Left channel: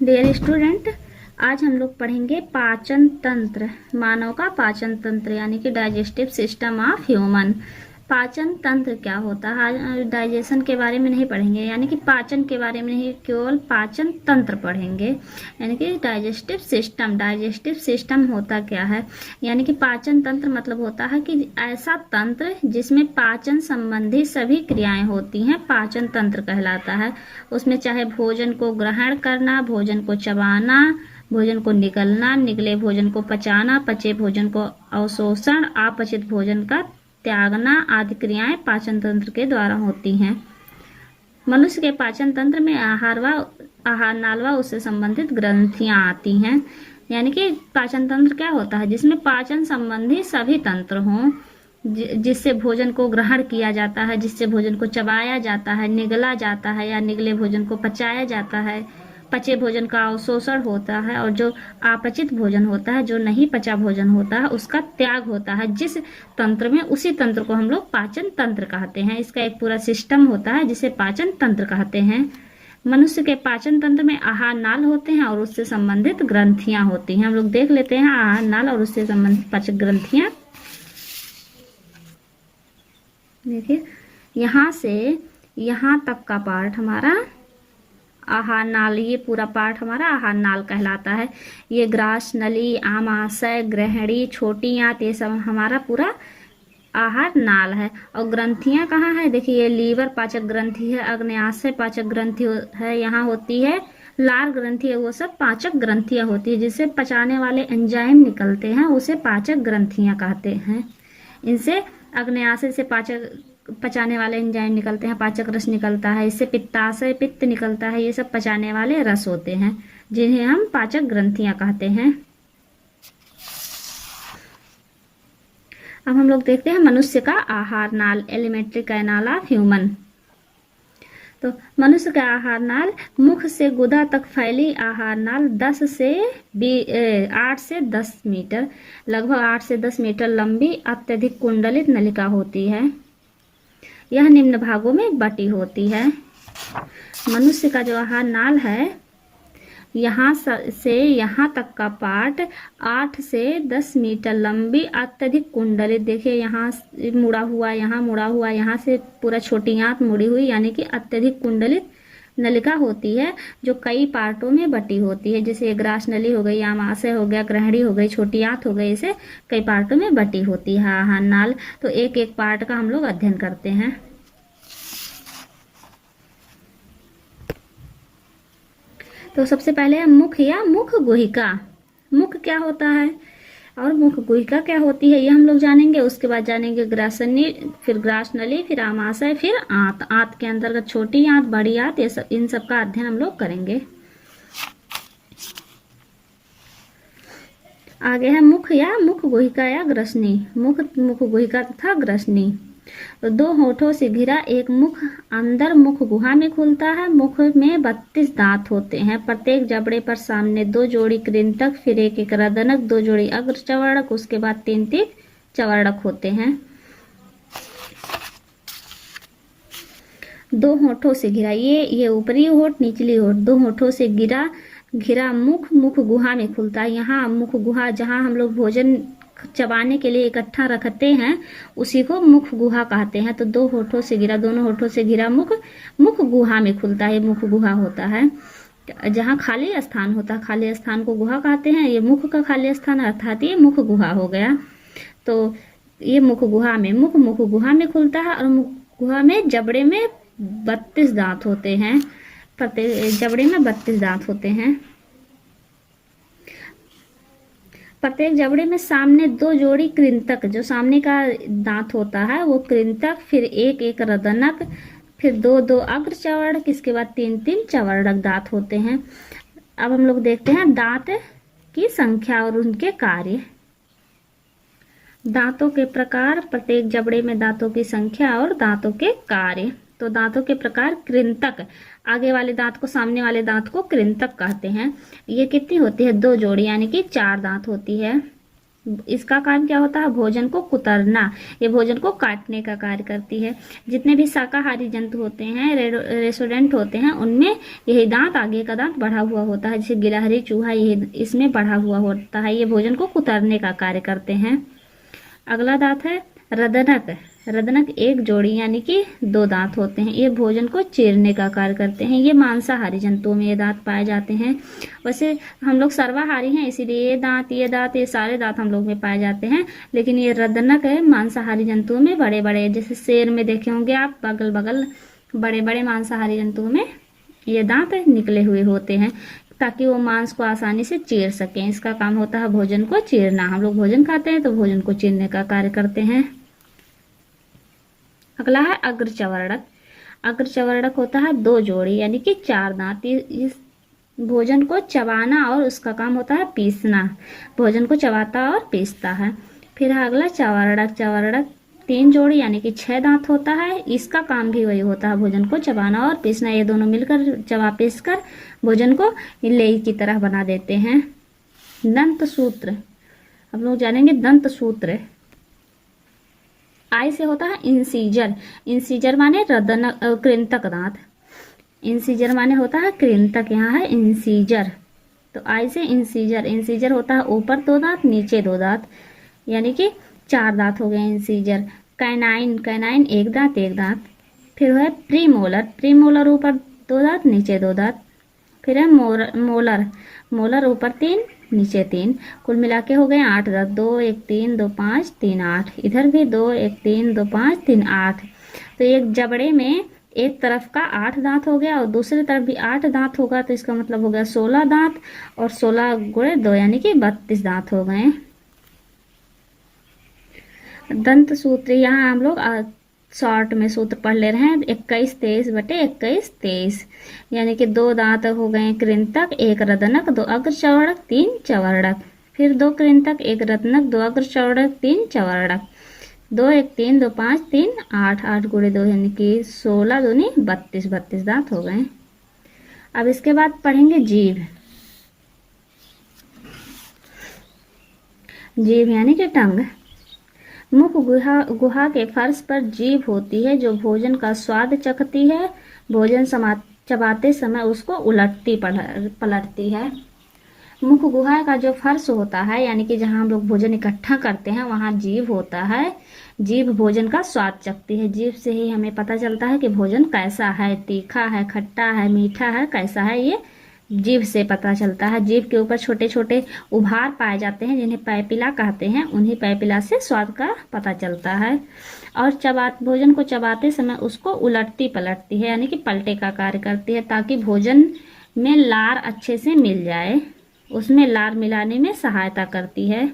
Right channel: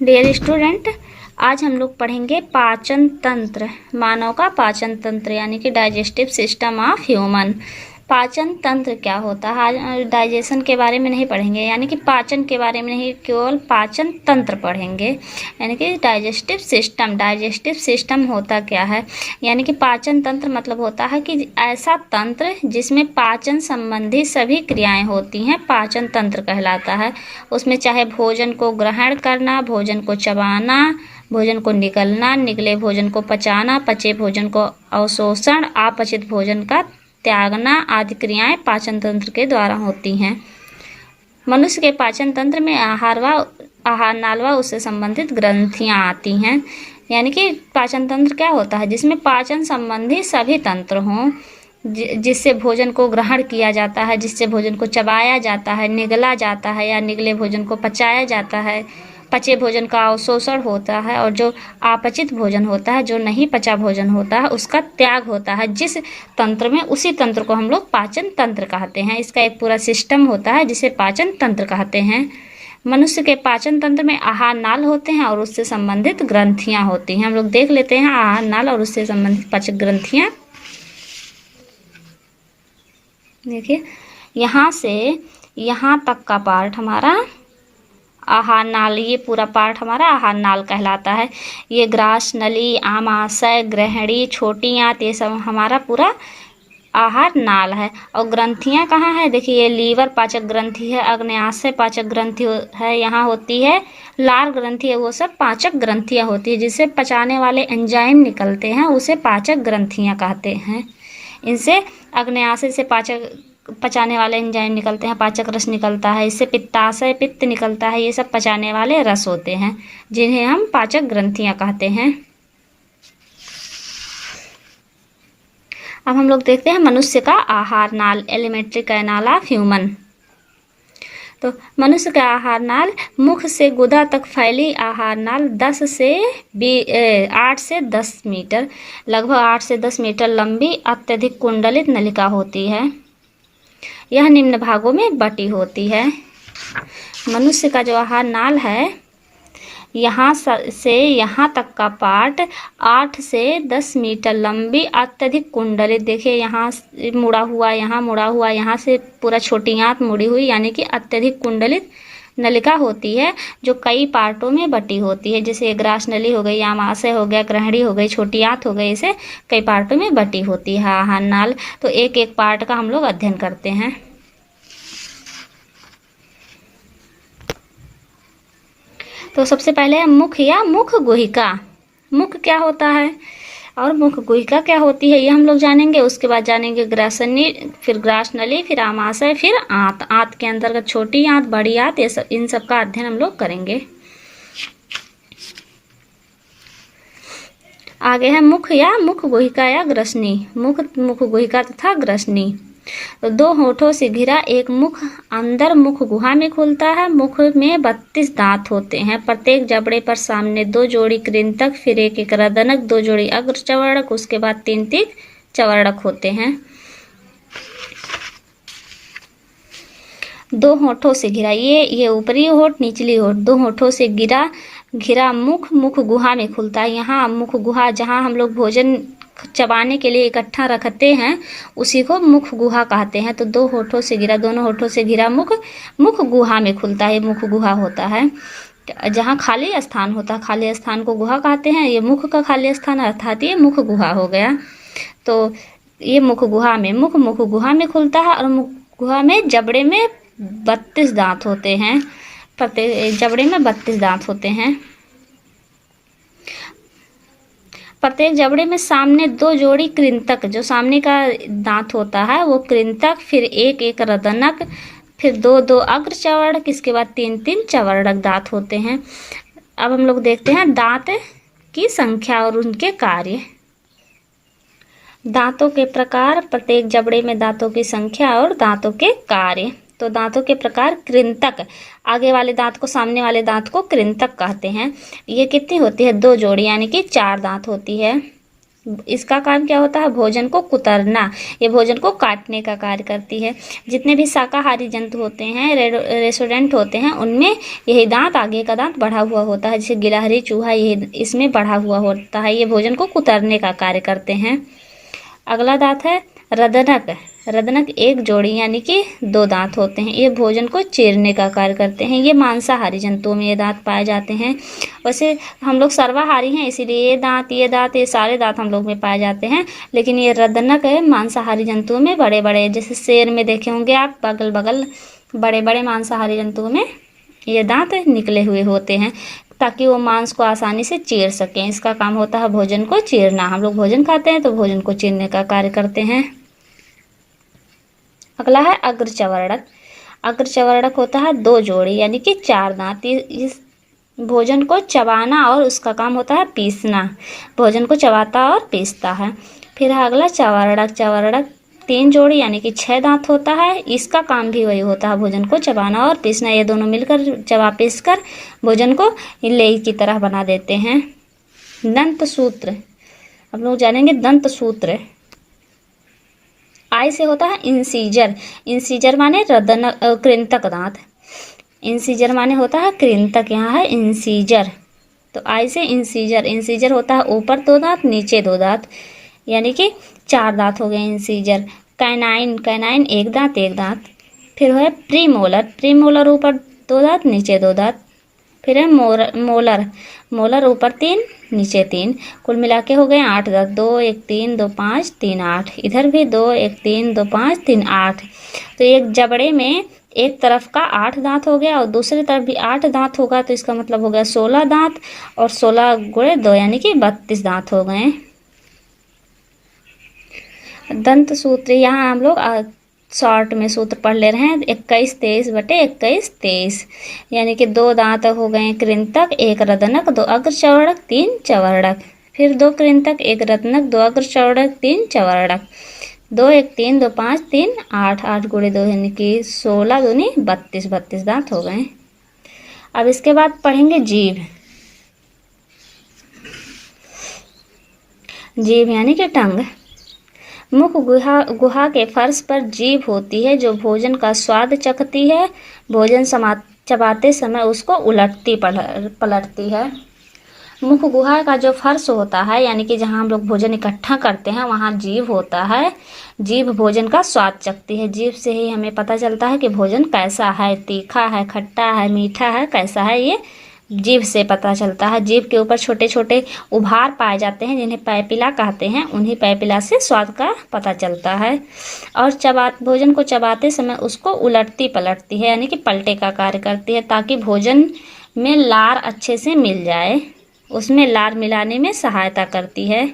Dear student, आज हम लोग पढ़ेंगे पाचन तंत्र, मानव का पाचन तंत्र यानी कि डाइजेस्टिव सिस्टम ऑफ ह्यूमन। पाचन तंत्र क्या होता है, आज डाइजेशन के बारे में नहीं पढ़ेंगे, यानी कि पाचन के बारे में नहीं, केवल पाचन तंत्र पढ़ेंगे। यानी कि डाइजेस्टिव सिस्टम होता क्या है, यानी कि पाचन तंत्र मतलब होता है कि ऐसा तंत्र जिसमें पाचन संबंधी सभी क्रियाएं होती हैं, पाचन तंत्र कहलाता है। उसमें चाहे भोजन को ग्रहण करना, भोजन को चबाना, भोजन को निगलना, निगले भोजन को पचाना, पचे भोजन को अवशोषण, अपचित भोजन का त्यागना आदि क्रियाएं पाचन तंत्र के द्वारा होती हैं। मनुष्य के पाचन तंत्र में आहार नाल व उससे संबंधित ग्रंथियां आती हैं। यानी कि पाचन तंत्र क्या होता है, जिसमें पाचन संबंधी सभी तंत्र हों, जिससे भोजन को ग्रहण किया जाता है, जिससे भोजन को चबाया जाता है, निगला जाता है या निगले भोजन को पचाया जाता है, पचे भोजन का अवशोषण होता है, और जो अपचित भोजन होता है, जो नहीं पचा भोजन होता है, उसका त्याग होता है। जिस तंत्र में, उसी तंत्र को हम लोग पाचन तंत्र कहते हैं। इसका एक पूरा सिस्टम होता है जिसे पाचन तंत्र कहते हैं। मनुष्य के पाचन तंत्र में आहार नाल होते हैं और उससे संबंधित ग्रंथियां होती हैं। हम लोग देख लेते हैं आहार नाल और उससे संबंधित पाचक ग्रंथियां। देखिए, यहाँ से यहाँ तक का पार्ट हमारा आहार नाल, ये पूरा पार्ट हमारा आहार नाल कहलाता है। ये ग्रास नली, आमाशय, ग्रहणी, छोटी आंत, ये सब हमारा पूरा आहार नाल है। और ग्रंथियां कहाँ है, देखिए ये लीवर पाचक ग्रंथि है, अग्न्याशय पाचक ग्रंथि है, यहाँ होती है लार ग्रंथि है, वो सब पाचक ग्रंथियां होती है। जिससे पचाने वाले एंजाइम निकलते हैं उसे पाचक ग्रंथियां कहते हैं। इनसे अग्न्याशय से पचाने वाले एंजाइम निकलते हैं, पाचक रस निकलता है। इससे पित्ताशय पित्त निकलता है। ये सब पचाने वाले रस होते हैं जिन्हें हम पाचक ग्रंथियां कहते हैं। अब हम लोग देखते हैं मनुष्य का आहार नाल, एलिमेंट्री कैनाल ऑफ ह्यूमन। तो मनुष्य का आहार नाल, मुख से गुदा तक फैली आहार नाल 8 से 10 मीटर, लगभग 8 से 10 मीटर लंबी अत्यधिक कुंडलित नलिका होती है। यह निम्न भागों में बटी होती है। मनुष्य का जो आहार नाल है, यहाँ से यहाँ तक का पार्ट 8 से 10 मीटर लंबी अत्यधिक कुंडलित, देखिए यहाँ मुड़ा हुआ, यहाँ मुड़ा हुआ, यहाँ से पूरा छोटी आंत मुड़ी हुई, यानी कि अत्यधिक कुंडलित नलिका होती है जो कई पार्टों में बटी होती है। जैसे ग्रास नली हो गई, आमाशय हो गया, ग्रहणी हो गई, छोटी आंत हो गई, इसे कई पार्टों में बटी होती है आहार नाल। तो एक एक पार्ट का हम लोग अध्ययन करते हैं। तो सबसे पहले है मुख या मुख गुहिका। मुख क्या होता है और मुख गुहिका क्या होती है, ये हम लोग जानेंगे। उसके बाद जानेंगे ग्रासनी, फिर ग्रास नली, फिर आमाशय, फिर आंत। आंत के अंतर्गत छोटी आंत, बड़ी आंत, ये सब, इन सब का अध्ययन हम लोग करेंगे। आगे है मुख या मुख गुहिका या ग्रसनी। मुख गुहिका तथा ग्रसनी। तो 2 होठों से घिरा एक मुख अंदर मुख गुहा में खुलता है। मुख में 32 दांत होते हैं। प्रत्येक जबड़े पर सामने 2 जोड़ी कृंतक, फिर एक रदनक, 2 जोड़ी अग्र चवर्णक, उसके बाद 3 चवर्णक होते हैं। 2 होठों से घिरा, ये ऊपरी होठ, निचली होठ, 2 होठों से घिरा मुख गुहा में खुलता है। यहाँ मुख गुहा, जहाँ हम लोग भोजन चबाने के लिए इकट्ठा रखते हैं, उसी को मुख गुहा कहते हैं। तो 2 होठों से घिरा, दोनों होठों से घिरा मुख गुहा में खुलता है। मुख गुहा होता है जहाँ खाली स्थान होता है, खाली स्थान को गुहा कहते हैं। ये मुख का खाली स्थान अर्थात ये मुख गुहा हो गया। तो ये मुख गुहा में खुलता है। और मुख गुहा में जबड़े में 32 दांत होते हैं। प्रत्येक जबड़े में 32 दांत होते हैं। प्रत्येक जबड़े में सामने 2 जोड़ी कृंतक, जो सामने का दांत होता है वो कृंतक, फिर एक रदनक, फिर 2 अग्र चवर्णक, इसके बाद 3 चवर्णक दांत होते हैं। अब हम लोग देखते हैं दांत की संख्या और उनके कार्य। दांतों के प्रकार, प्रत्येक जबड़े में दांतों की संख्या और दांतों के कार्य। तो दांतों के प्रकार, कृंतक, आगे वाले दांत को, सामने वाले दांत को कृंतक कहते हैं। ये कितनी होती है, 2 जोड़ी, यानी कि 4 दांत होती है। इसका काम क्या होता है? भोजन को कुतरना। ये भोजन को काटने का कार्य करती है। जितने भी शाकाहारी जंतु होते हैं, रेस्टोरेंट होते हैं, उनमें यही दांत, आगे का दांत बढ़ा हुआ होता है। जैसे गिलहरी, चूहा, ये इसमें बढ़ा हुआ होता है। ये भोजन को कुतरने का कार्य करते हैं। अगला दांत है रदनक। रदनक एक जोड़ी यानी कि 2 दांत होते हैं। ये भोजन को चीरने का कार्य करते हैं। ये मांसाहारी जंतुओं में ये दांत पाए जाते हैं। वैसे हम लोग सर्वाहारी हैं, इसीलिए ये सारे दांत हम लोग में पाए जाते हैं। लेकिन ये रदनक है मांसाहारी जंतुओं में बड़े बड़े, जैसे शेर में देखे होंगे आप, बगल बगल बड़े बड़े मांसाहारी जंतुओं में ये दांत निकले हुए होते हैं, ताकि वो मांस को आसानी से चीर सकें। इसका काम होता है भोजन को चीरना। हम लोग भोजन खाते हैं तो भोजन को चीरने का कार्य करते हैं। अगला है अग्रचवर्णक। अग्रचवर्णक होता है 2 जोड़ी यानी कि 4 दांत। इस भोजन को चबाना और उसका काम होता है पीसना। भोजन को चबाता और पीसता है। फिर है अगला चवर्णक। चवर्णक 3 जोड़ी यानी कि 6 दांत होता है। इसका काम भी वही होता है, भोजन को चबाना और पीसना। ये दोनों मिलकर चबा पीस कर भोजन को लेई की तरह बना देते हैं। दंत सूत्र, हम लोग जानेंगे दंत सूत्र। आई से होता है इंसीजर। इंसीजर माने कृंतक दांत। इंसीजर माने होता है कृंतक, यहाँ है इंसीजर। तो आई से इंसीजर। इंसीजर होता है ऊपर 2 दांत, नीचे 2 दांत, यानी कि 4 दांत हो गए इंसीजर। कैनाइन। कैनाइन 1 दांत 1 दांत। फिर है प्रीमोलर। प्रीमोलर ऊपर 2 दांत, नीचे 2 दांत। फिर है मोलर। मोलर ऊपर 3, नीचे 3। कुल मिला के हो गए 8 दांत। 2 1 3 2 5 3 8। इधर भी 2 1 3 2 5 3 8। तो एक जबड़े में एक तरफ का 8 दांत हो गया और दूसरी तरफ भी 8 दांत होगा, तो इसका मतलब हो गया 16 दांत। और 16 गुणे 2 यानी कि 32 दांत हो गए। दंत सूत्र यहाँ हम लोग शॉर्ट में सूत्र पढ़ ले रहे हैं। 21 23 बटे 21 23, यानी कि 2 दांत हो गए कृंतक, 1 रदनक, 2 अग्रचवर्णक, 3 चवर्णक। फिर 2 कृंतक, 1 रदनक, 2 अग्रचवर्णक, 3 चवर्णक। 2 1 3 2 5 3 8। 8 गुणे 2 यानी कि 16 दूनी 32, 32 दांत हो गए। अब इसके बाद पढ़ेंगे जीभ। जीभ यानी कि टंग। मुख गुहा के फर्श पर जीभ होती है जो भोजन का स्वाद चखती है। भोजन चबाते समय उसको उलटती पलटती है। मुख गुहा का जो फर्श होता है, यानी कि जहाँ हम लोग भोजन इकट्ठा करते हैं, वहाँ जीभ होता है। जीभ भोजन का स्वाद चखती है। जीभ से ही हमें पता चलता है कि भोजन कैसा है, तीखा है, खट्टा है, मीठा है, कैसा है, ये जीभ से पता चलता है। जीभ के ऊपर छोटे छोटे उभार पाए जाते हैं जिन्हें पैपिला कहते हैं। उन्हीं पैपिला से स्वाद का पता चलता है। और भोजन को चबाते समय उसको उलटती पलटती है, यानी कि पलटे का कार्य करती है, ताकि भोजन में लार अच्छे से मिल जाए। उसमें लार मिलाने में सहायता करती है।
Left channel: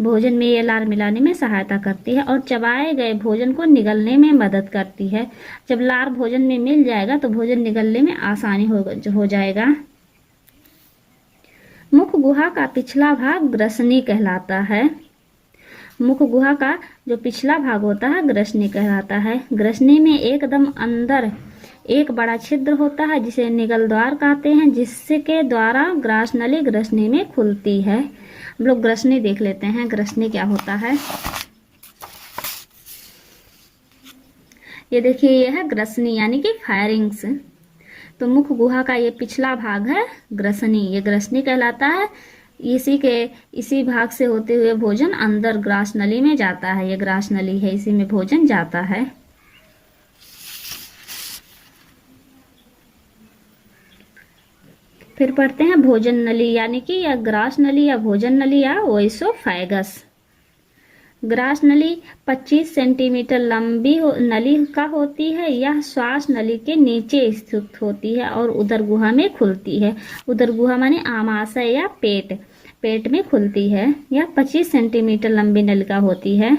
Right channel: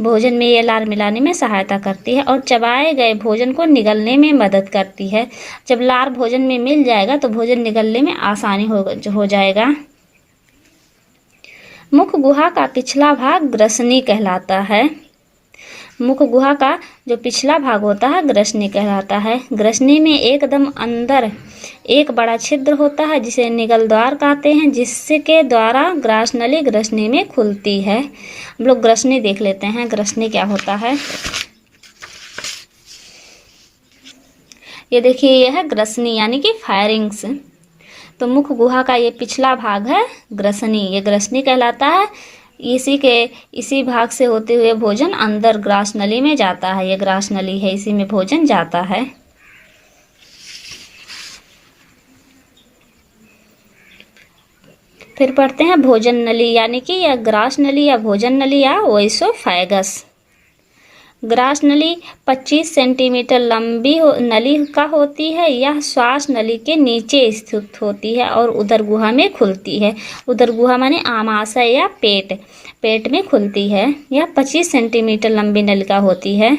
भोजन में ये लार मिलाने में सहायता करती है और चबाए गए भोजन को निगलने में मदद करती है। जब लार भोजन में मिल जाएगा तो भोजन निगलने में आसानी हो जाएगा। मुख गुहा का पिछला भाग ग्रसनी कहलाता है। मुख गुहा का जो पिछला भाग होता है ग्रसनी कहलाता है। ग्रसनी में एकदम अंदर एक बड़ा छिद्र होता है जिसे निगल द्वार कहते हैं, जिसके द्वारा ग्रासनली ग्रसनी में खुलती है। हम लोग ग्रसनी देख लेते हैं, ग्रसनी क्या होता है। ये देखिए, ये है ग्रसनी यानी कि फायरिंग्स। तो मुख गुहा का ये पिछला भाग है ग्रसनी, ये ग्रसनी कहलाता है। इसी भाग से होते हुए भोजन अंदर ग्रासनली में जाता है। ये ग्रासनली है, इसी में भोजन जाता है। फिर पढ़ते हैं भोजन नली, यानी कि या ग्रास नली या भोजन नली या ओइसोफेगस। ग्रास नली 25 सेंटीमीटर लंबी नली का होती है। यह श्वास नली के नीचे स्थित होती है और उदर गुहा में खुलती है। उदर गुहा माने आमाशय या पेट में खुलती है। यह 25 सेंटीमीटर लंबी नलिका होती है।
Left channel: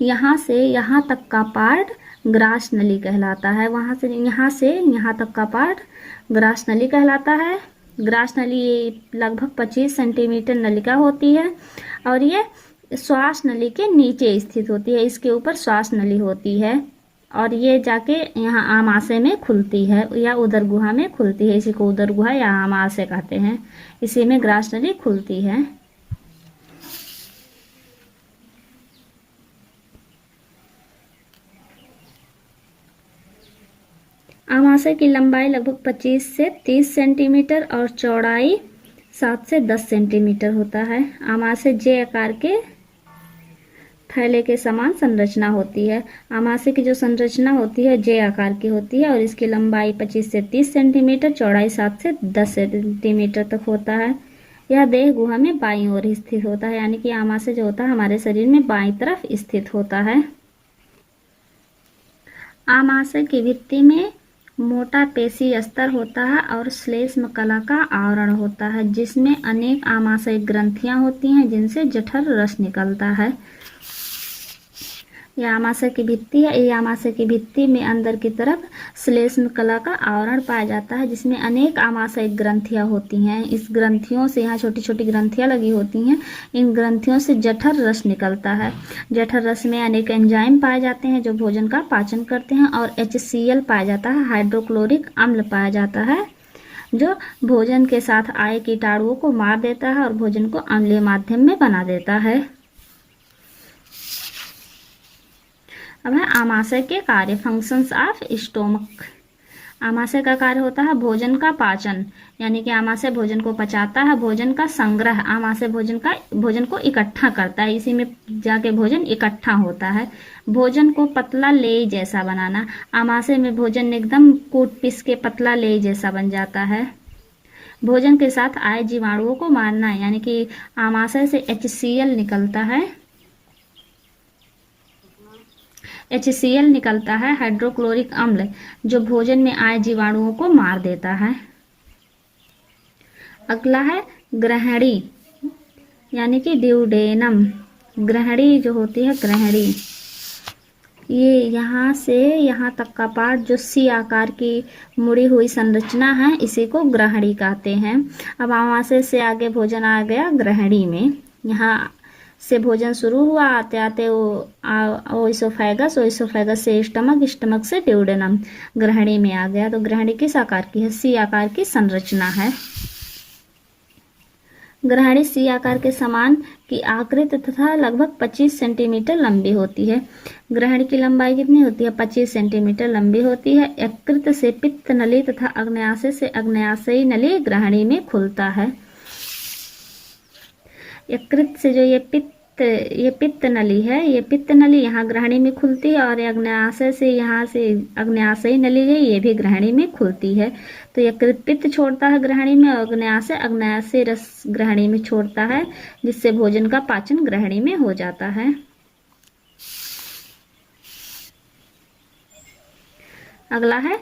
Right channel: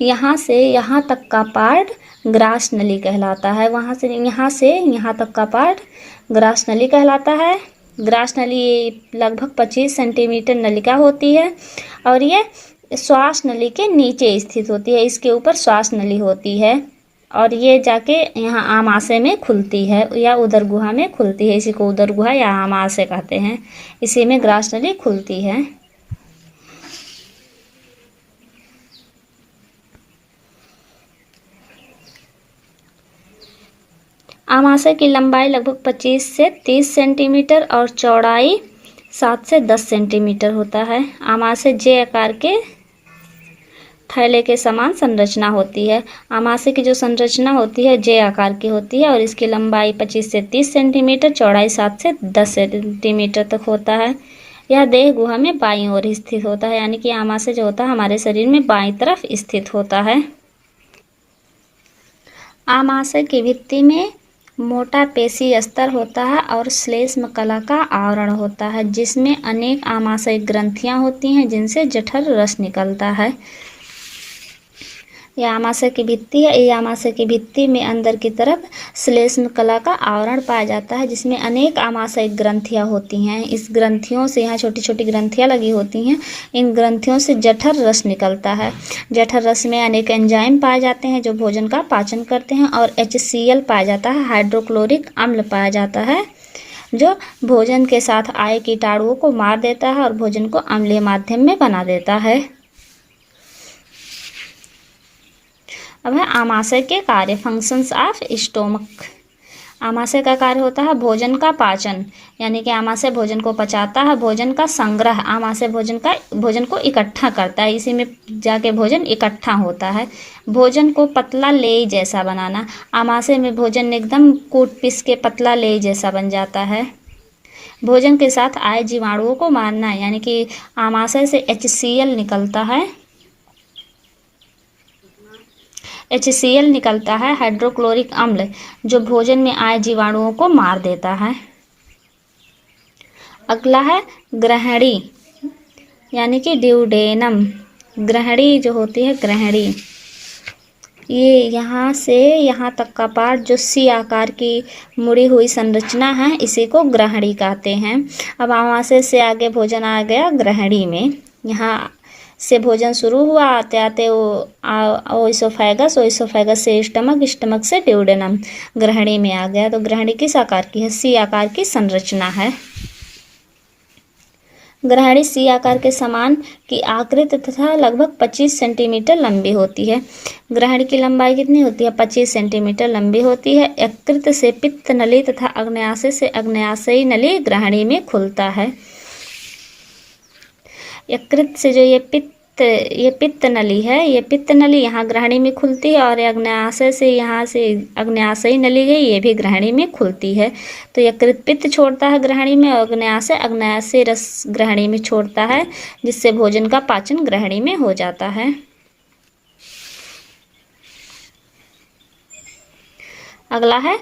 यहाँ से यहाँ तक का पार्ट ग्रास नली कहलाता है। यहाँ से यहाँ तक का पार्ट ग्रास नली कहलाता है। ग्रास नली लगभग 25 सेंटीमीटर नलिका होती है और ये श्वास नली के नीचे स्थित होती है। इसके ऊपर श्वास नली होती है। और ये जाके यहाँ आमाशय में खुलती है या उदर गुहा में खुलती है। इसी को उदर गुहा या आमाशय कहते हैं। इसी में ग्रास नली खुलती है। आमाशय की लंबाई लगभग 25 से 30 सेंटीमीटर और चौड़ाई 7 से 10 सेंटीमीटर होता है। आमाशय जे आकार के थैले के समान संरचना होती है। आमाशय की जो संरचना होती है जे आकार की होती है और इसकी लंबाई 25 से 30 सेंटीमीटर, चौड़ाई 7 से 10 सेंटीमीटर तक होता है। यह देह गुहा में बाईं ओर स्थित होता है, यानी कि आमाशय जो होता है हमारे शरीर में बाईं तरफ स्थित होता है। आमाशय की भित्ति में मोटा पेशी स्तर होता है और श्लेष्म कला का आवरण होता है, जिसमें अनेक आमाशय ग्रंथियां होती हैं जिनसे जठर रस निकलता है। यह आमाशय की भित्ति है। यह आमाशय की भित्ति में अंदर की तरफ श्लेष्म कला का आवरण पाया जाता है, जिसमें अनेक आमाशय ग्रंथियां होती हैं। इस ग्रंथियों से, यहाँ छोटी छोटी ग्रंथियां लगी होती हैं, इन ग्रंथियों से जठर रस निकलता है। जठर रस में अनेक एंजाइम पाए जाते हैं जो भोजन का पाचन करते हैं, और HCl पाया जाता है, हाइड्रोक्लोरिक अम्ल पाया जाता है, जो भोजन के साथ आए कीटाणुओं को मार देता है और भोजन को अम्लीय माध्यम में बना देता है। अब है आमाशय के कार्य, फंक्शंस ऑफ स्टोमक। आमाशय का कार्य होता है भोजन का पाचन, यानी कि आमाशय भोजन को पचाता है। भोजन का संग्रह, आमाशय भोजन को इकट्ठा करता है, इसी में जाके भोजन इकट्ठा होता है। भोजन को पतला लेई जैसा बनाना, आमाशय में भोजन एकदम कूट पीस के पतला लेई जैसा बन जाता है। भोजन के साथ आए जीवाणुओं को मारना, यानी कि आमाशय से HCl निकलता है। HCl निकलता है, हाइड्रोक्लोरिक अम्ल, जो भोजन में आए जीवाणुओं को मार देता है। अगला है ग्रहणी, यानी कि ड्यूडेनम। ग्रहणी जो होती है, ग्रहणी, ये यहाँ से यहाँ तक का पार्ट जो सी आकार की मुड़ी हुई संरचना है, इसी को ग्रहणी कहते हैं। अब आमाशय से आगे भोजन आ गया ग्रहणी में। यहाँ से भोजन शुरू हुआ, आते आते वो इसोफेगस, इसोफेगस से स्टमक, स्टमक से ड्यूडेनम, ग्रहणी में आ गया। तो ग्रहणी किस आकार की है? सी आकार की संरचना है। ग्रहणी सी आकार के समान की आकृति तथा लगभग 25 सेंटीमीटर लंबी होती है। ग्रहणी की लंबाई कितनी होती है? 25 सेंटीमीटर लंबी होती है। यकृत से पित्त नली तथा अग्न्याशय से अग्न्याशयी नली ग्रहणी में खुलता है। यकृत से जो ये पित्त नली है, ये पित्त नली यहाँ ग्रहणी में खुलती है, और अग्न्याशय से यहाँ से अग्न्याशयी नली गई, ये भी ग्रहणी में खुलती है। तो यकृत पित्त छोड़ता है ग्रहणी में, और अग्न्याशय रस ग्रहणी में छोड़ता है, जिससे भोजन का पाचन ग्रहणी में हो जाता है। अगला है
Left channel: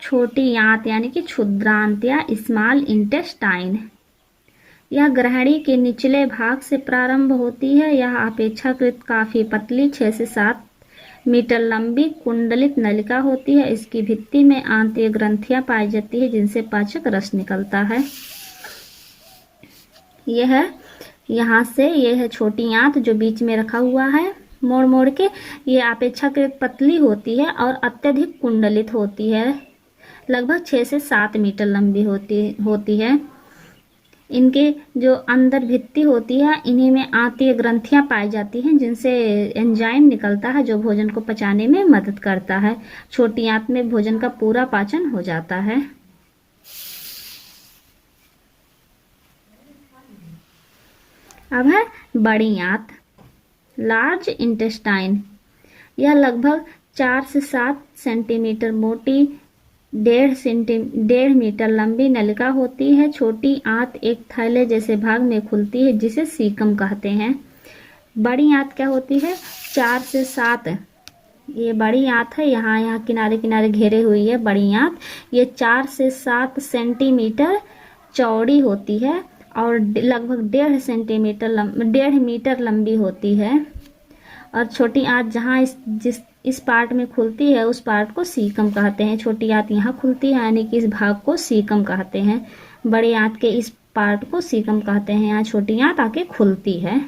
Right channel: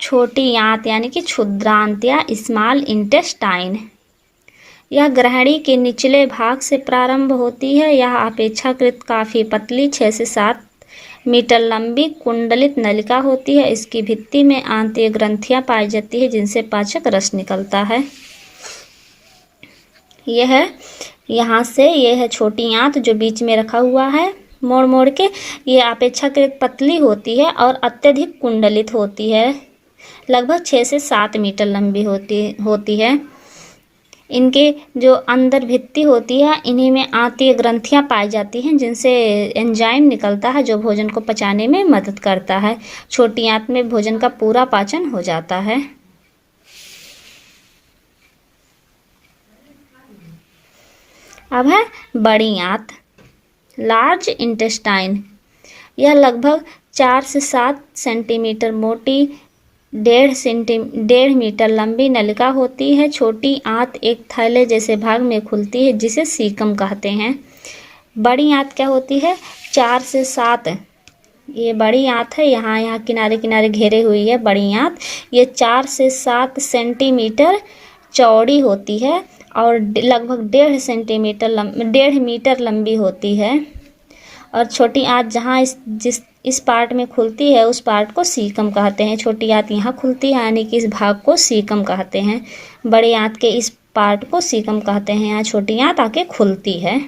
छोटी आंत, यानी कि क्षुद्रांत या स्मॉल इंटेस्टाइन। यह ग्रहणी के निचले भाग से प्रारंभ होती है। यह अपेक्षाकृत काफ़ी पतली 6 से 7 मीटर लंबी कुंडलित नलिका होती है। इसकी भित्ति में आंतीय ग्रंथियां पाई जाती है, जिनसे पाचक रस निकलता है। यहाँ से यह है छोटी आंत जो बीच में रखा हुआ है मोड़ मोड़ के। ये अपेक्षाकृत पतली होती है और अत्यधिक कुंडलित होती है, लगभग 6 से 7 मीटर लंबी होती है। इनके जो अंदर भित्ति होती है, इन्हीं में आंतीय ग्रंथियां पाई जाती हैं, जिनसे एंजाइम निकलता है जो भोजन को पचाने में मदद करता है। छोटी आंत में भोजन का पूरा पाचन हो जाता है। अब है बड़ी आंत, लार्ज इंटेस्टाइन। यह लगभग 4 से 7 सेंटीमीटर मोटी, 1.5 मीटर लंबी नलिका होती है। छोटी आंत एक थैले जैसे भाग में खुलती है, जिसे सीकम कहते हैं। बड़ी आंत क्या होती है? 4 से 7, ये बड़ी आंत है, यहाँ किनारे किनारे घेरे हुई है बड़ी आंत। ये 4 से 7 सेंटीमीटर चौड़ी होती है और लगभग 1.5 मीटर लंबी होती है। और छोटी आंत जहाँ इस पार्ट में खुलती है, उस पार्ट को सीकम कहते हैं। छोटी आंत यहाँ खुलती है, यानी कि इस भाग को सीकम कहते हैं। बड़ी आंत के इस पार्ट को सीकम कहते हैं। यहाँ छोटी आंत आके खुलती है।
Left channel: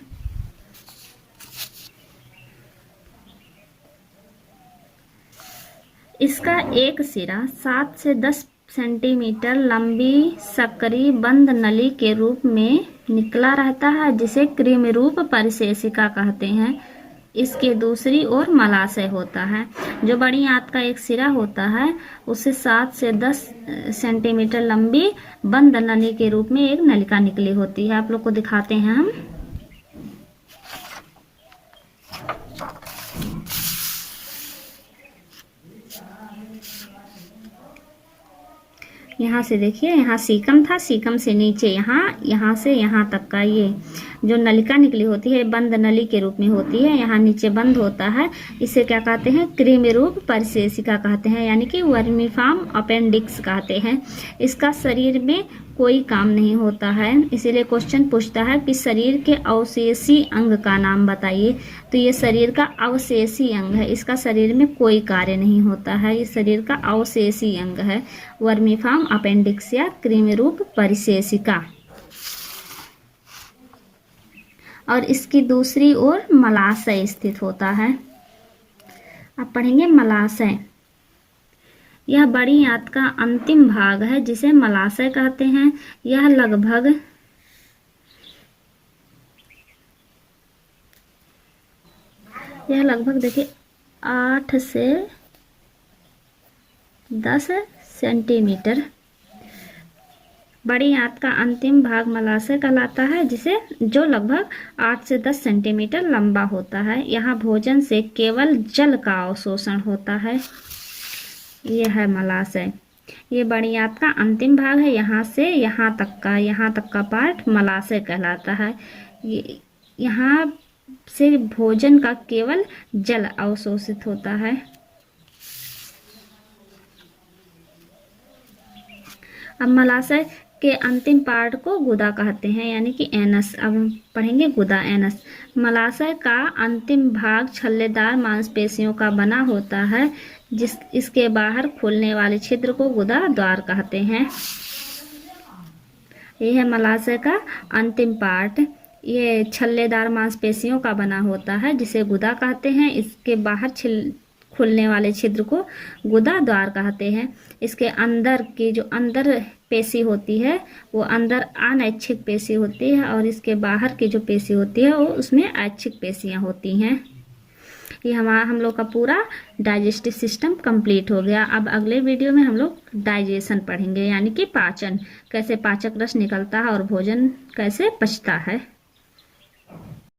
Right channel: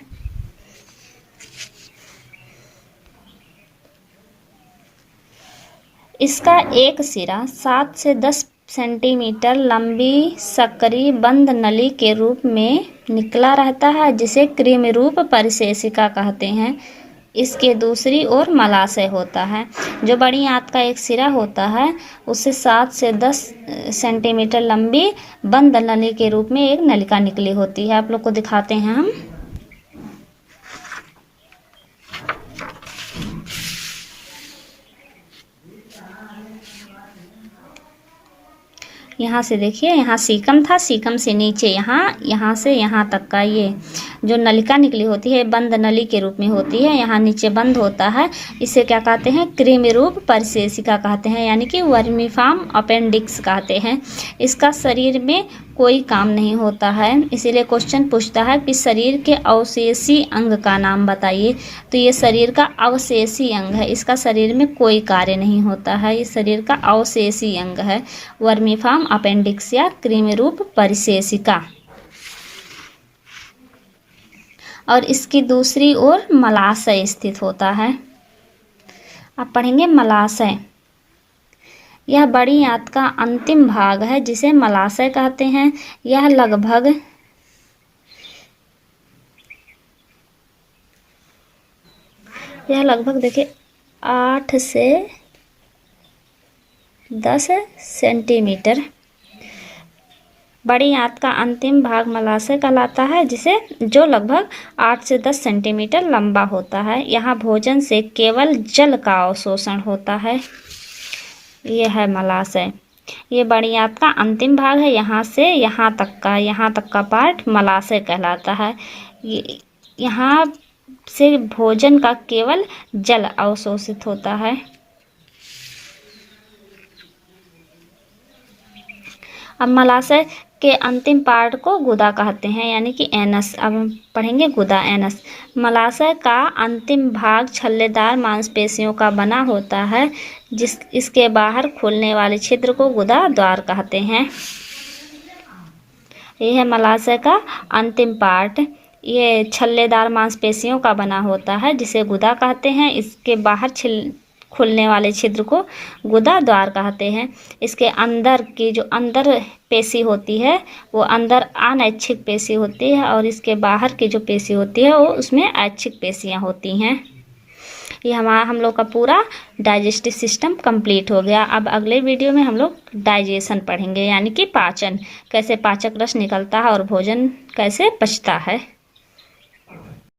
इसका एक सिरा 7 से 10 सेंटीमीटर लंबी सकरी बंद नली के रूप में निकला रहता है, जिसे कृमि रूप परिशेषिका कहते हैं। इसके दूसरी ओर मलाशय होता है। जो बड़ी आंत का एक सिरा होता है उससे 7 से 10 सेंटीमीटर लंबी बंद नली के रूप में एक नलिका निकली होती है। आप लोग को दिखाते हैं हम। यहाँ से देखिए, यहाँ सीकम था, सीकम से नीचे यहाँ से यहाँ तक का ये जो नलिका निकली होती है बंद नली के रूप में होती है। यहाँ नीचे बंद होता है। इसे क्या कहते हैं? कृमि रूप परिशेषिका कहते हैं, यानी कि वर्मीफॉर्म अपेंडिक्स कहते हैं। इसका शरीर में कोई काम नहीं होता है। इसीलिए क्वेश्चन पूछता है कि शरीर के अवशेषी अंग का नाम बताइए। तो ये शरीर का अवशेषी अंग है। इसका शरीर में कोई कार्य नहीं होता है। ये शरीर का अवशेषी अंग है, वर्मीफॉर्म अपेंडिक्स या कृमि रूप परिशेषिका। और इसकी दूसरी ओर मलाशय स्थित होता है। अब पढ़ेंगे मलाशय। यह बड़ी आंत का अंतिम भाग है जिसे मलाशय कहते हैं। यह लगभग देखिए 8 से 10 सेंटीमीटर। बड़ी आंत का अंतिम भाग मलाशय कहलाता है, जो लगभग 8 से 10 सेंटीमीटर लंबा होता है। यहाँ भोजन से केवल जल का अवशोषण होता है। यह है मलाशय। ये बड़ी आंत का अंतिम भाग है। यहाँ से यहाँ तक का पार्ट मलाशय कहलाता है। यहाँ से भोजन का केवल जल अवशोषित होता है। अब मलाशय के अंतिम पार्ट को गुदा कहते हैं, यानी कि एनस। अब हम पढ़ेंगे गुदा, एनस। मलाशय का अंतिम भाग छल्लेदार मांसपेशियों का बना होता है। इसके बाहर खुलने वाले छिद्र को गुदा द्वार कहते हैं। यह है मलाशय का अंतिम पार्ट। ये छल्लेदार मांसपेशियों का बना होता है, जिसे गुदा कहते हैं। इसके बाहर खुलने वाले छिद्र को गुदा द्वार कहते हैं। इसके अंदर की जो अंदर पेशी होती है वो अंदर अनैच्छिक पेशी होती है, और इसके बाहर की जो पेशी होती है वो उसमें ऐच्छिक पेशियां होती हैं। ये हम लोग का पूरा डाइजेस्टिव सिस्टम कंप्लीट हो गया। अब अगले वीडियो में हम लोग डाइजेशन पढ़ेंगे, यानी कि पाचन, कैसे पाचक रस निकलता है और भोजन कैसे पचता है।